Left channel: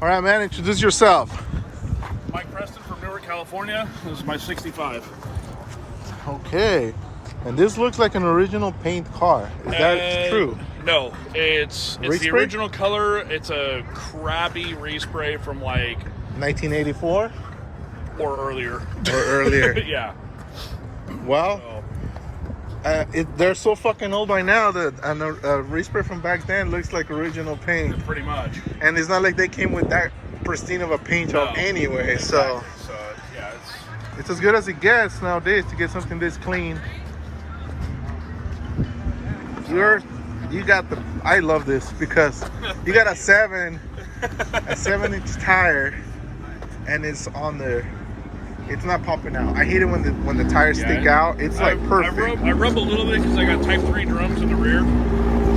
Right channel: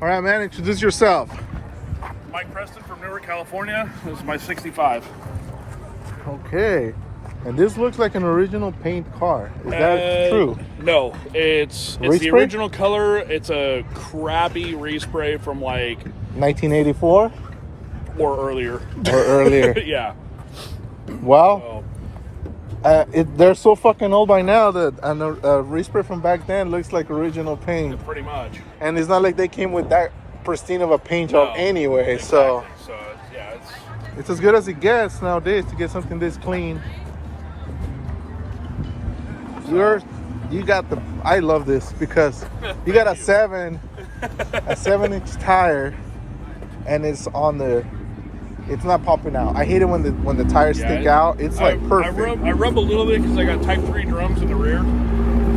All right, man, introduce yourself. Mike Preston from Newark, California. This is my 65. Okay. And this looks like an original paint car. Is that true? No, it's Race the spray? original color. It's a crappy respray from like 1984 or earlier. or earlier. Yeah. Well, So, they're so fucking old by now that a respray from back then looks like original paint. pretty much. And it's not like they came with that pristine of a paint job anyway. Exactly. So So yeah, it's as good as it gets nowadays to get something this clean. You got the. I love this because you got a 7-inch tire, and it's on there. It's not popping out. I hate it when the tires stick out. It's like perfect. I rub a little bit because I got Type 3 drums in the rear.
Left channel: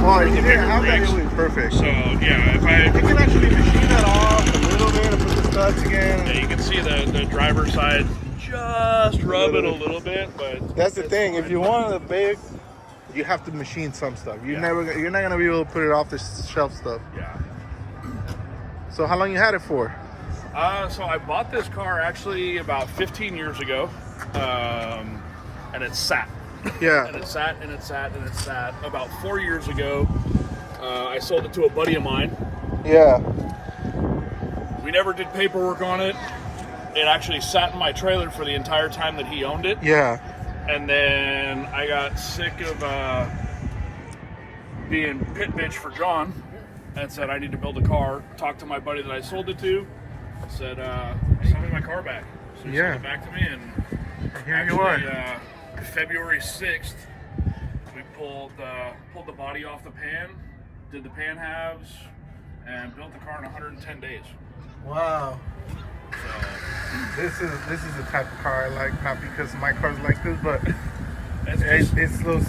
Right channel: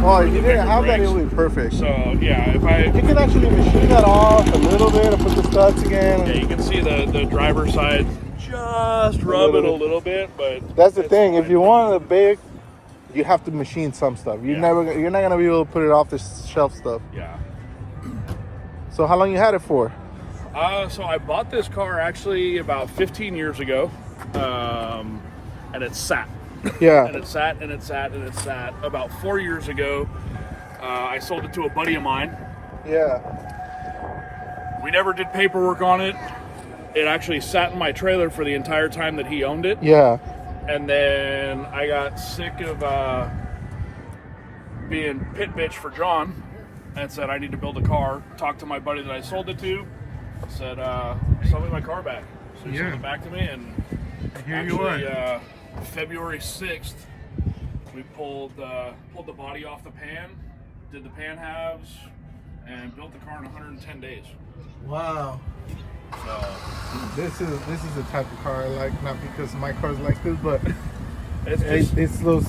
Oh, if you didn't have that, it would be perfect. So yeah, if I You can actually machine that off a little bit and put the studs again. yeah, you can see the driver's side just rub it a little bit, but That's the thing. If you want a big, you have to machine some stuff. You're not gonna be able to put it off the shelf stuff. yeah. So how long you had it for? So I bought this car actually about 15 years ago, and it sat. Yeah. And it sat and it sat and it sat. About 4 years ago, I sold it to a buddy of mine. Yeah. We never did paperwork on it. It actually sat in my trailer for the entire time that he owned it. Yeah. And then I got sick of being pit bitch for John and said I need to build a car. Talked to my buddy that I sold it to. Said, sell me my car back. So he sent it back to me, and Here you are. actually, February 6th, we pulled the body off the pan, did the pan halves, and built the car in 110 days. Wow. So This is the type of car I like, not because my car's like this, but it's it's those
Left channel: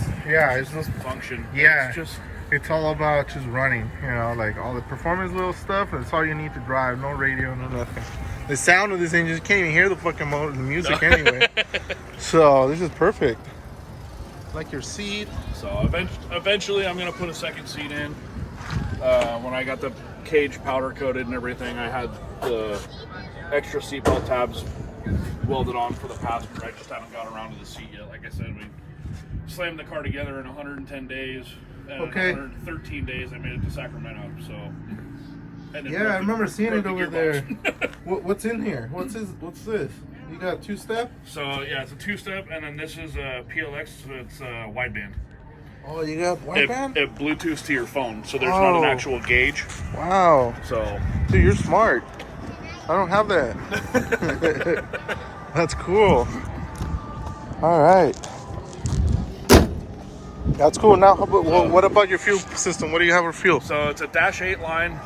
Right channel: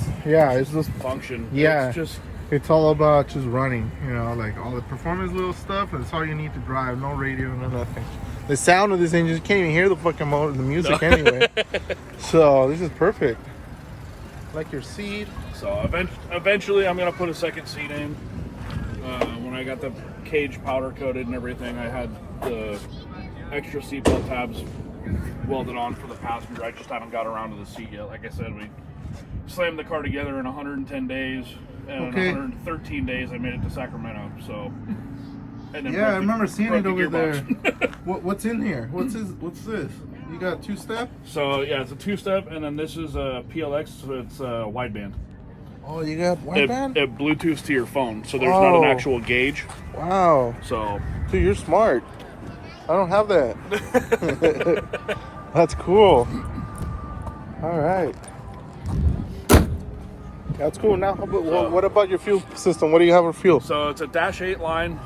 function. Yeah. It's just it's all about just running, like all the performance little stuff. That's all you need to drive. No radio, no nothing. The sound of this engine, you can't even hear the fucking motor, the music anyway. So this is perfect. Like your seat. So eventually I'm gonna put a second seat in. When I got the cage powder coated and everything, I had the extra seatbelt tabs welded on for the passenger. I just haven't got around to the seat yet. Like I said, we slammed the car together in 110 days, and in 113 days I made it to Sacramento. So, and then I remember seeing it over there. gearbox. What's in here? What's this? You got two-step? So yeah, it's a two-step, and then this is a PLX. So it's wideband. Oh, you got wideband? It Bluetooth to your phone, so there's not an actual gauge. Wow. So, Dude, you're smart. I don't have that. That's cool. All right. That's cool. Now, what about your fuel system? What do you have for fuel? so it's a Dash 8 line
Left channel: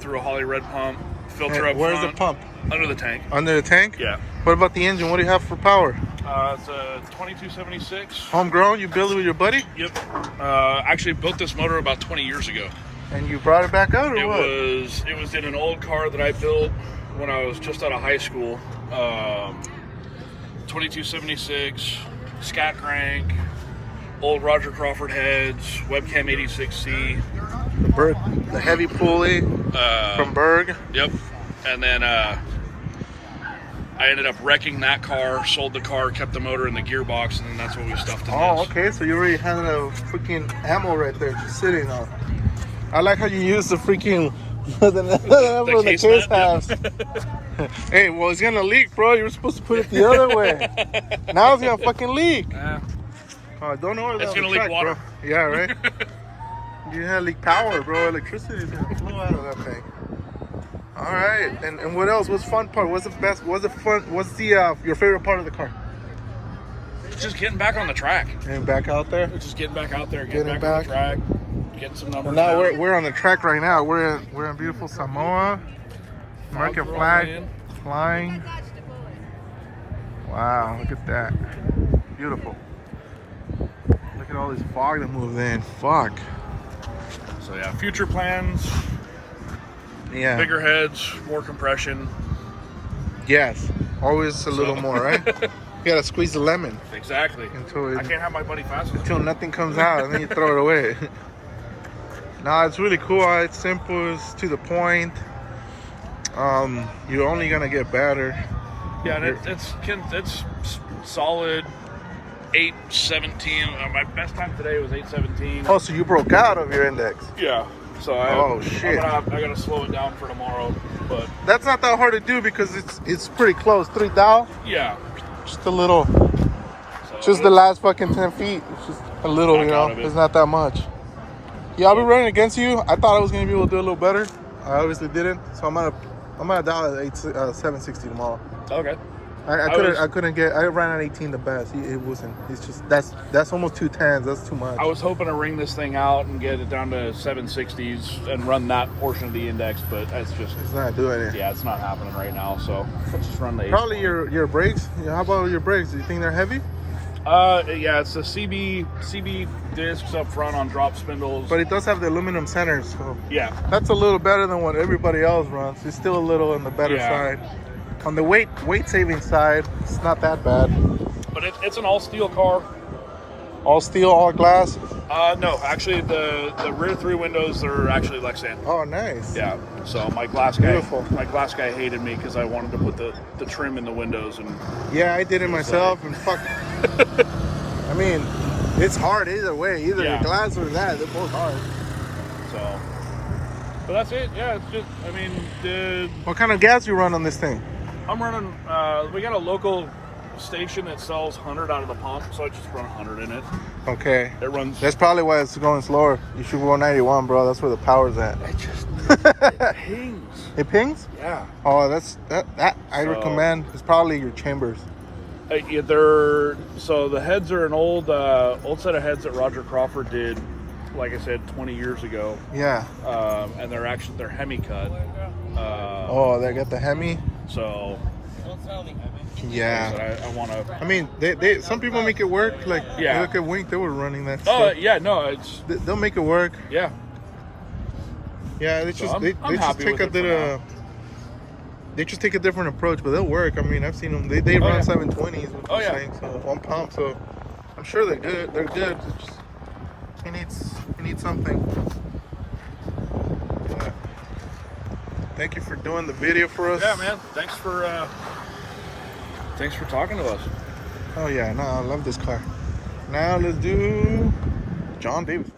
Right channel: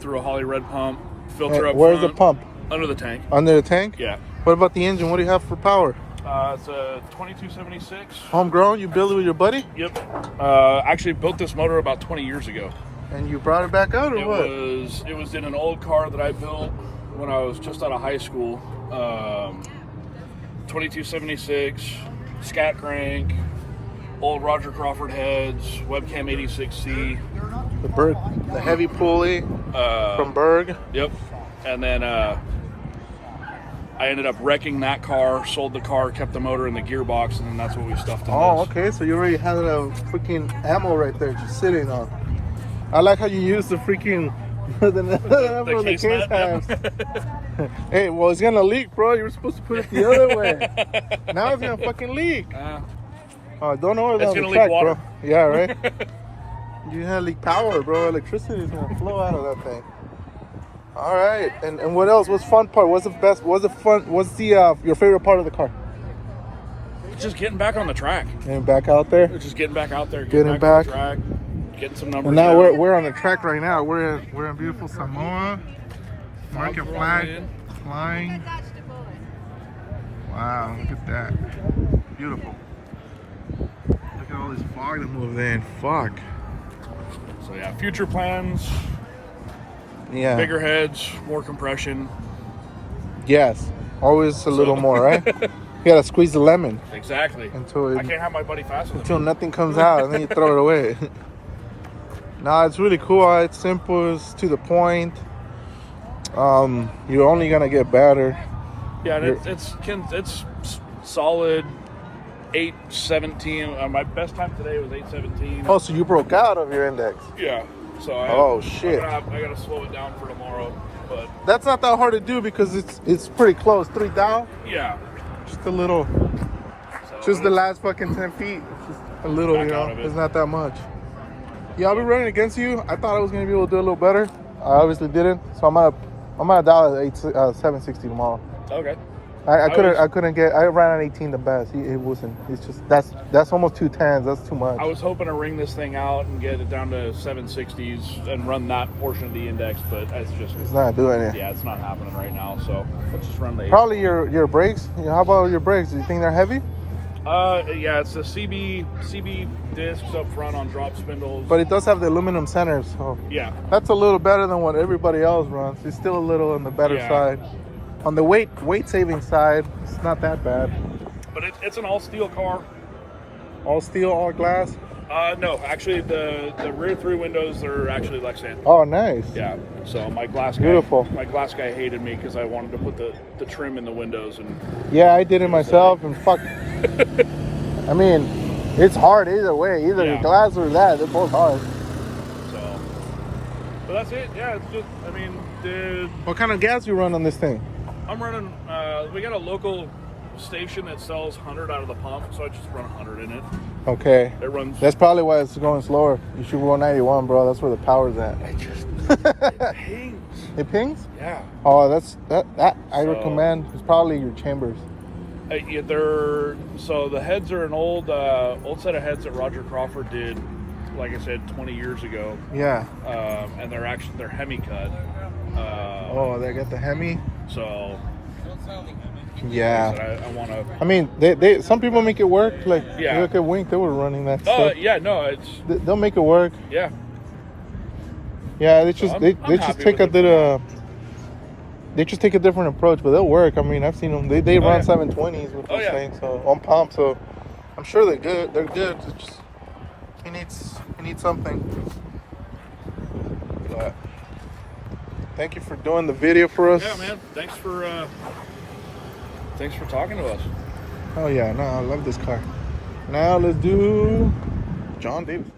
through a Holly Red pump. Filter up Where's the front, pump? Under the tank. Under the tank? Yeah. What about the engine? What do you have for power? It's a 2276. Homegrown? You built it with your buddy? Yep. Actually built this motor about 20 years ago. And you brought it back out, or It what? was in an old car that I built when I was just out of high school. 2276, scat crank, old Roger Crawford heads, webcam 86C. The heavy pulley from Berg. Yep. And then I ended up wrecking that car, sold the car, kept the motor in the gearbox, and then that's what we stuffed in Oh, this. okay. So you already had a freaking ammo right there just sitting on. I like how you use the freaking the case has. Hey, well, it's gonna leak, bro. You were supposed to put it the other way. Now it's gonna fucking leak. Don't know It's on gonna the leak track, water. bro. Yeah, right. You're gonna leak power, bro. Electricity is gonna flow out of that thing. All right, and what else? What's fun part? What's the best? What's the fun? What's the your favorite part of the car? Just getting back on the track. And back out there. Just getting back out there, Getting getting back back. on the track, getting some numbers. And now down. we're on the track right now. We're in beautiful Samoa. American Fog's flag rolling in. flying. Wow, look at that. Beautiful. Look at all this fog that moved in. Fuck. So yeah, future plans, Yeah. bigger heads, more compression. Yes. Always a little more, right? You gotta squeeze the lemon Exactly. until I can't have my buddy fast enough. until nothing comes out, and then you throw it away. No, it's really cool. It's simple. It's to the point. you're only gonna get better. Yeah, and it's solid 817. My best time today was 817. Oh, so you broke out of your index? Yeah. So shit. I gotta slow it down for tomorrow, but That's not that hard to do because it's pretty close. 3 thou. yeah. Just a little. So Just the last fucking 10 feet. It's just a little, you know. It's not that much. Yeah, I'll be running against you. I thought I was gonna be able to do a little better. I obviously didn't. So I'm gonna dial at 760 tomorrow. Okay. I couldn't get. I ran at 18 the best. It wasn't. It's just that's almost 210s. That's too much. I was hoping to ring this thing out and get it down to 760s and run that portion of the index, but it's not doing it. Yeah, it's not happening right now. So let's just run the. Probably your brakes. How about your brakes? Do you think they're heavy? Yeah, it's the CB discs up front on drop spindles. But it does have the aluminum centers, so yeah, that's a little better than what everybody else runs. It's still a little on the better side. On the weight saving side, it's not that bad. But it's an all steel car. All steel, all glass? No, actually the rear 3 windows are actually Lexan. Oh, nice. Yeah. So my glass guy hated me because I wanted to put the trim in the windows and. Yeah, I did it myself and fuck. I mean, it's hard either way. Either glass or that, they're both hard. So, but that's it. Yeah, it's just. I mean, what kind of gas you run on this thing? I'm running. We got a local station that sells 100 out of the pump, so I just run 100 in it. Okay. It runs. That's probably why it's going slower. You should go 91, bro. That's where the power's at. It pings. It pings? Yeah. Oh, that I recommend. It's probably your chambers. So the heads are an old set of heads that Roger Crawford did, like I said, 20 years ago. Yeah. And they're Hemi cut. They got the Hemi. So. Yeah. I want to. I mean, they some people make it work. Like you look at Wink, they were running that stuff. Yeah, no, they'll make it work. Yeah. Yeah, they just take a bit they just take a different approach, but they'll work. I mean, I've seen them. They run 720s with those things, so on pump. So I'm sure they're good. They're good. It's just he needs something. But thank you for doing the video for us. Yeah, man. Thanks for talking to us. Oh yeah, no, I love this car. Now let's do John Davis.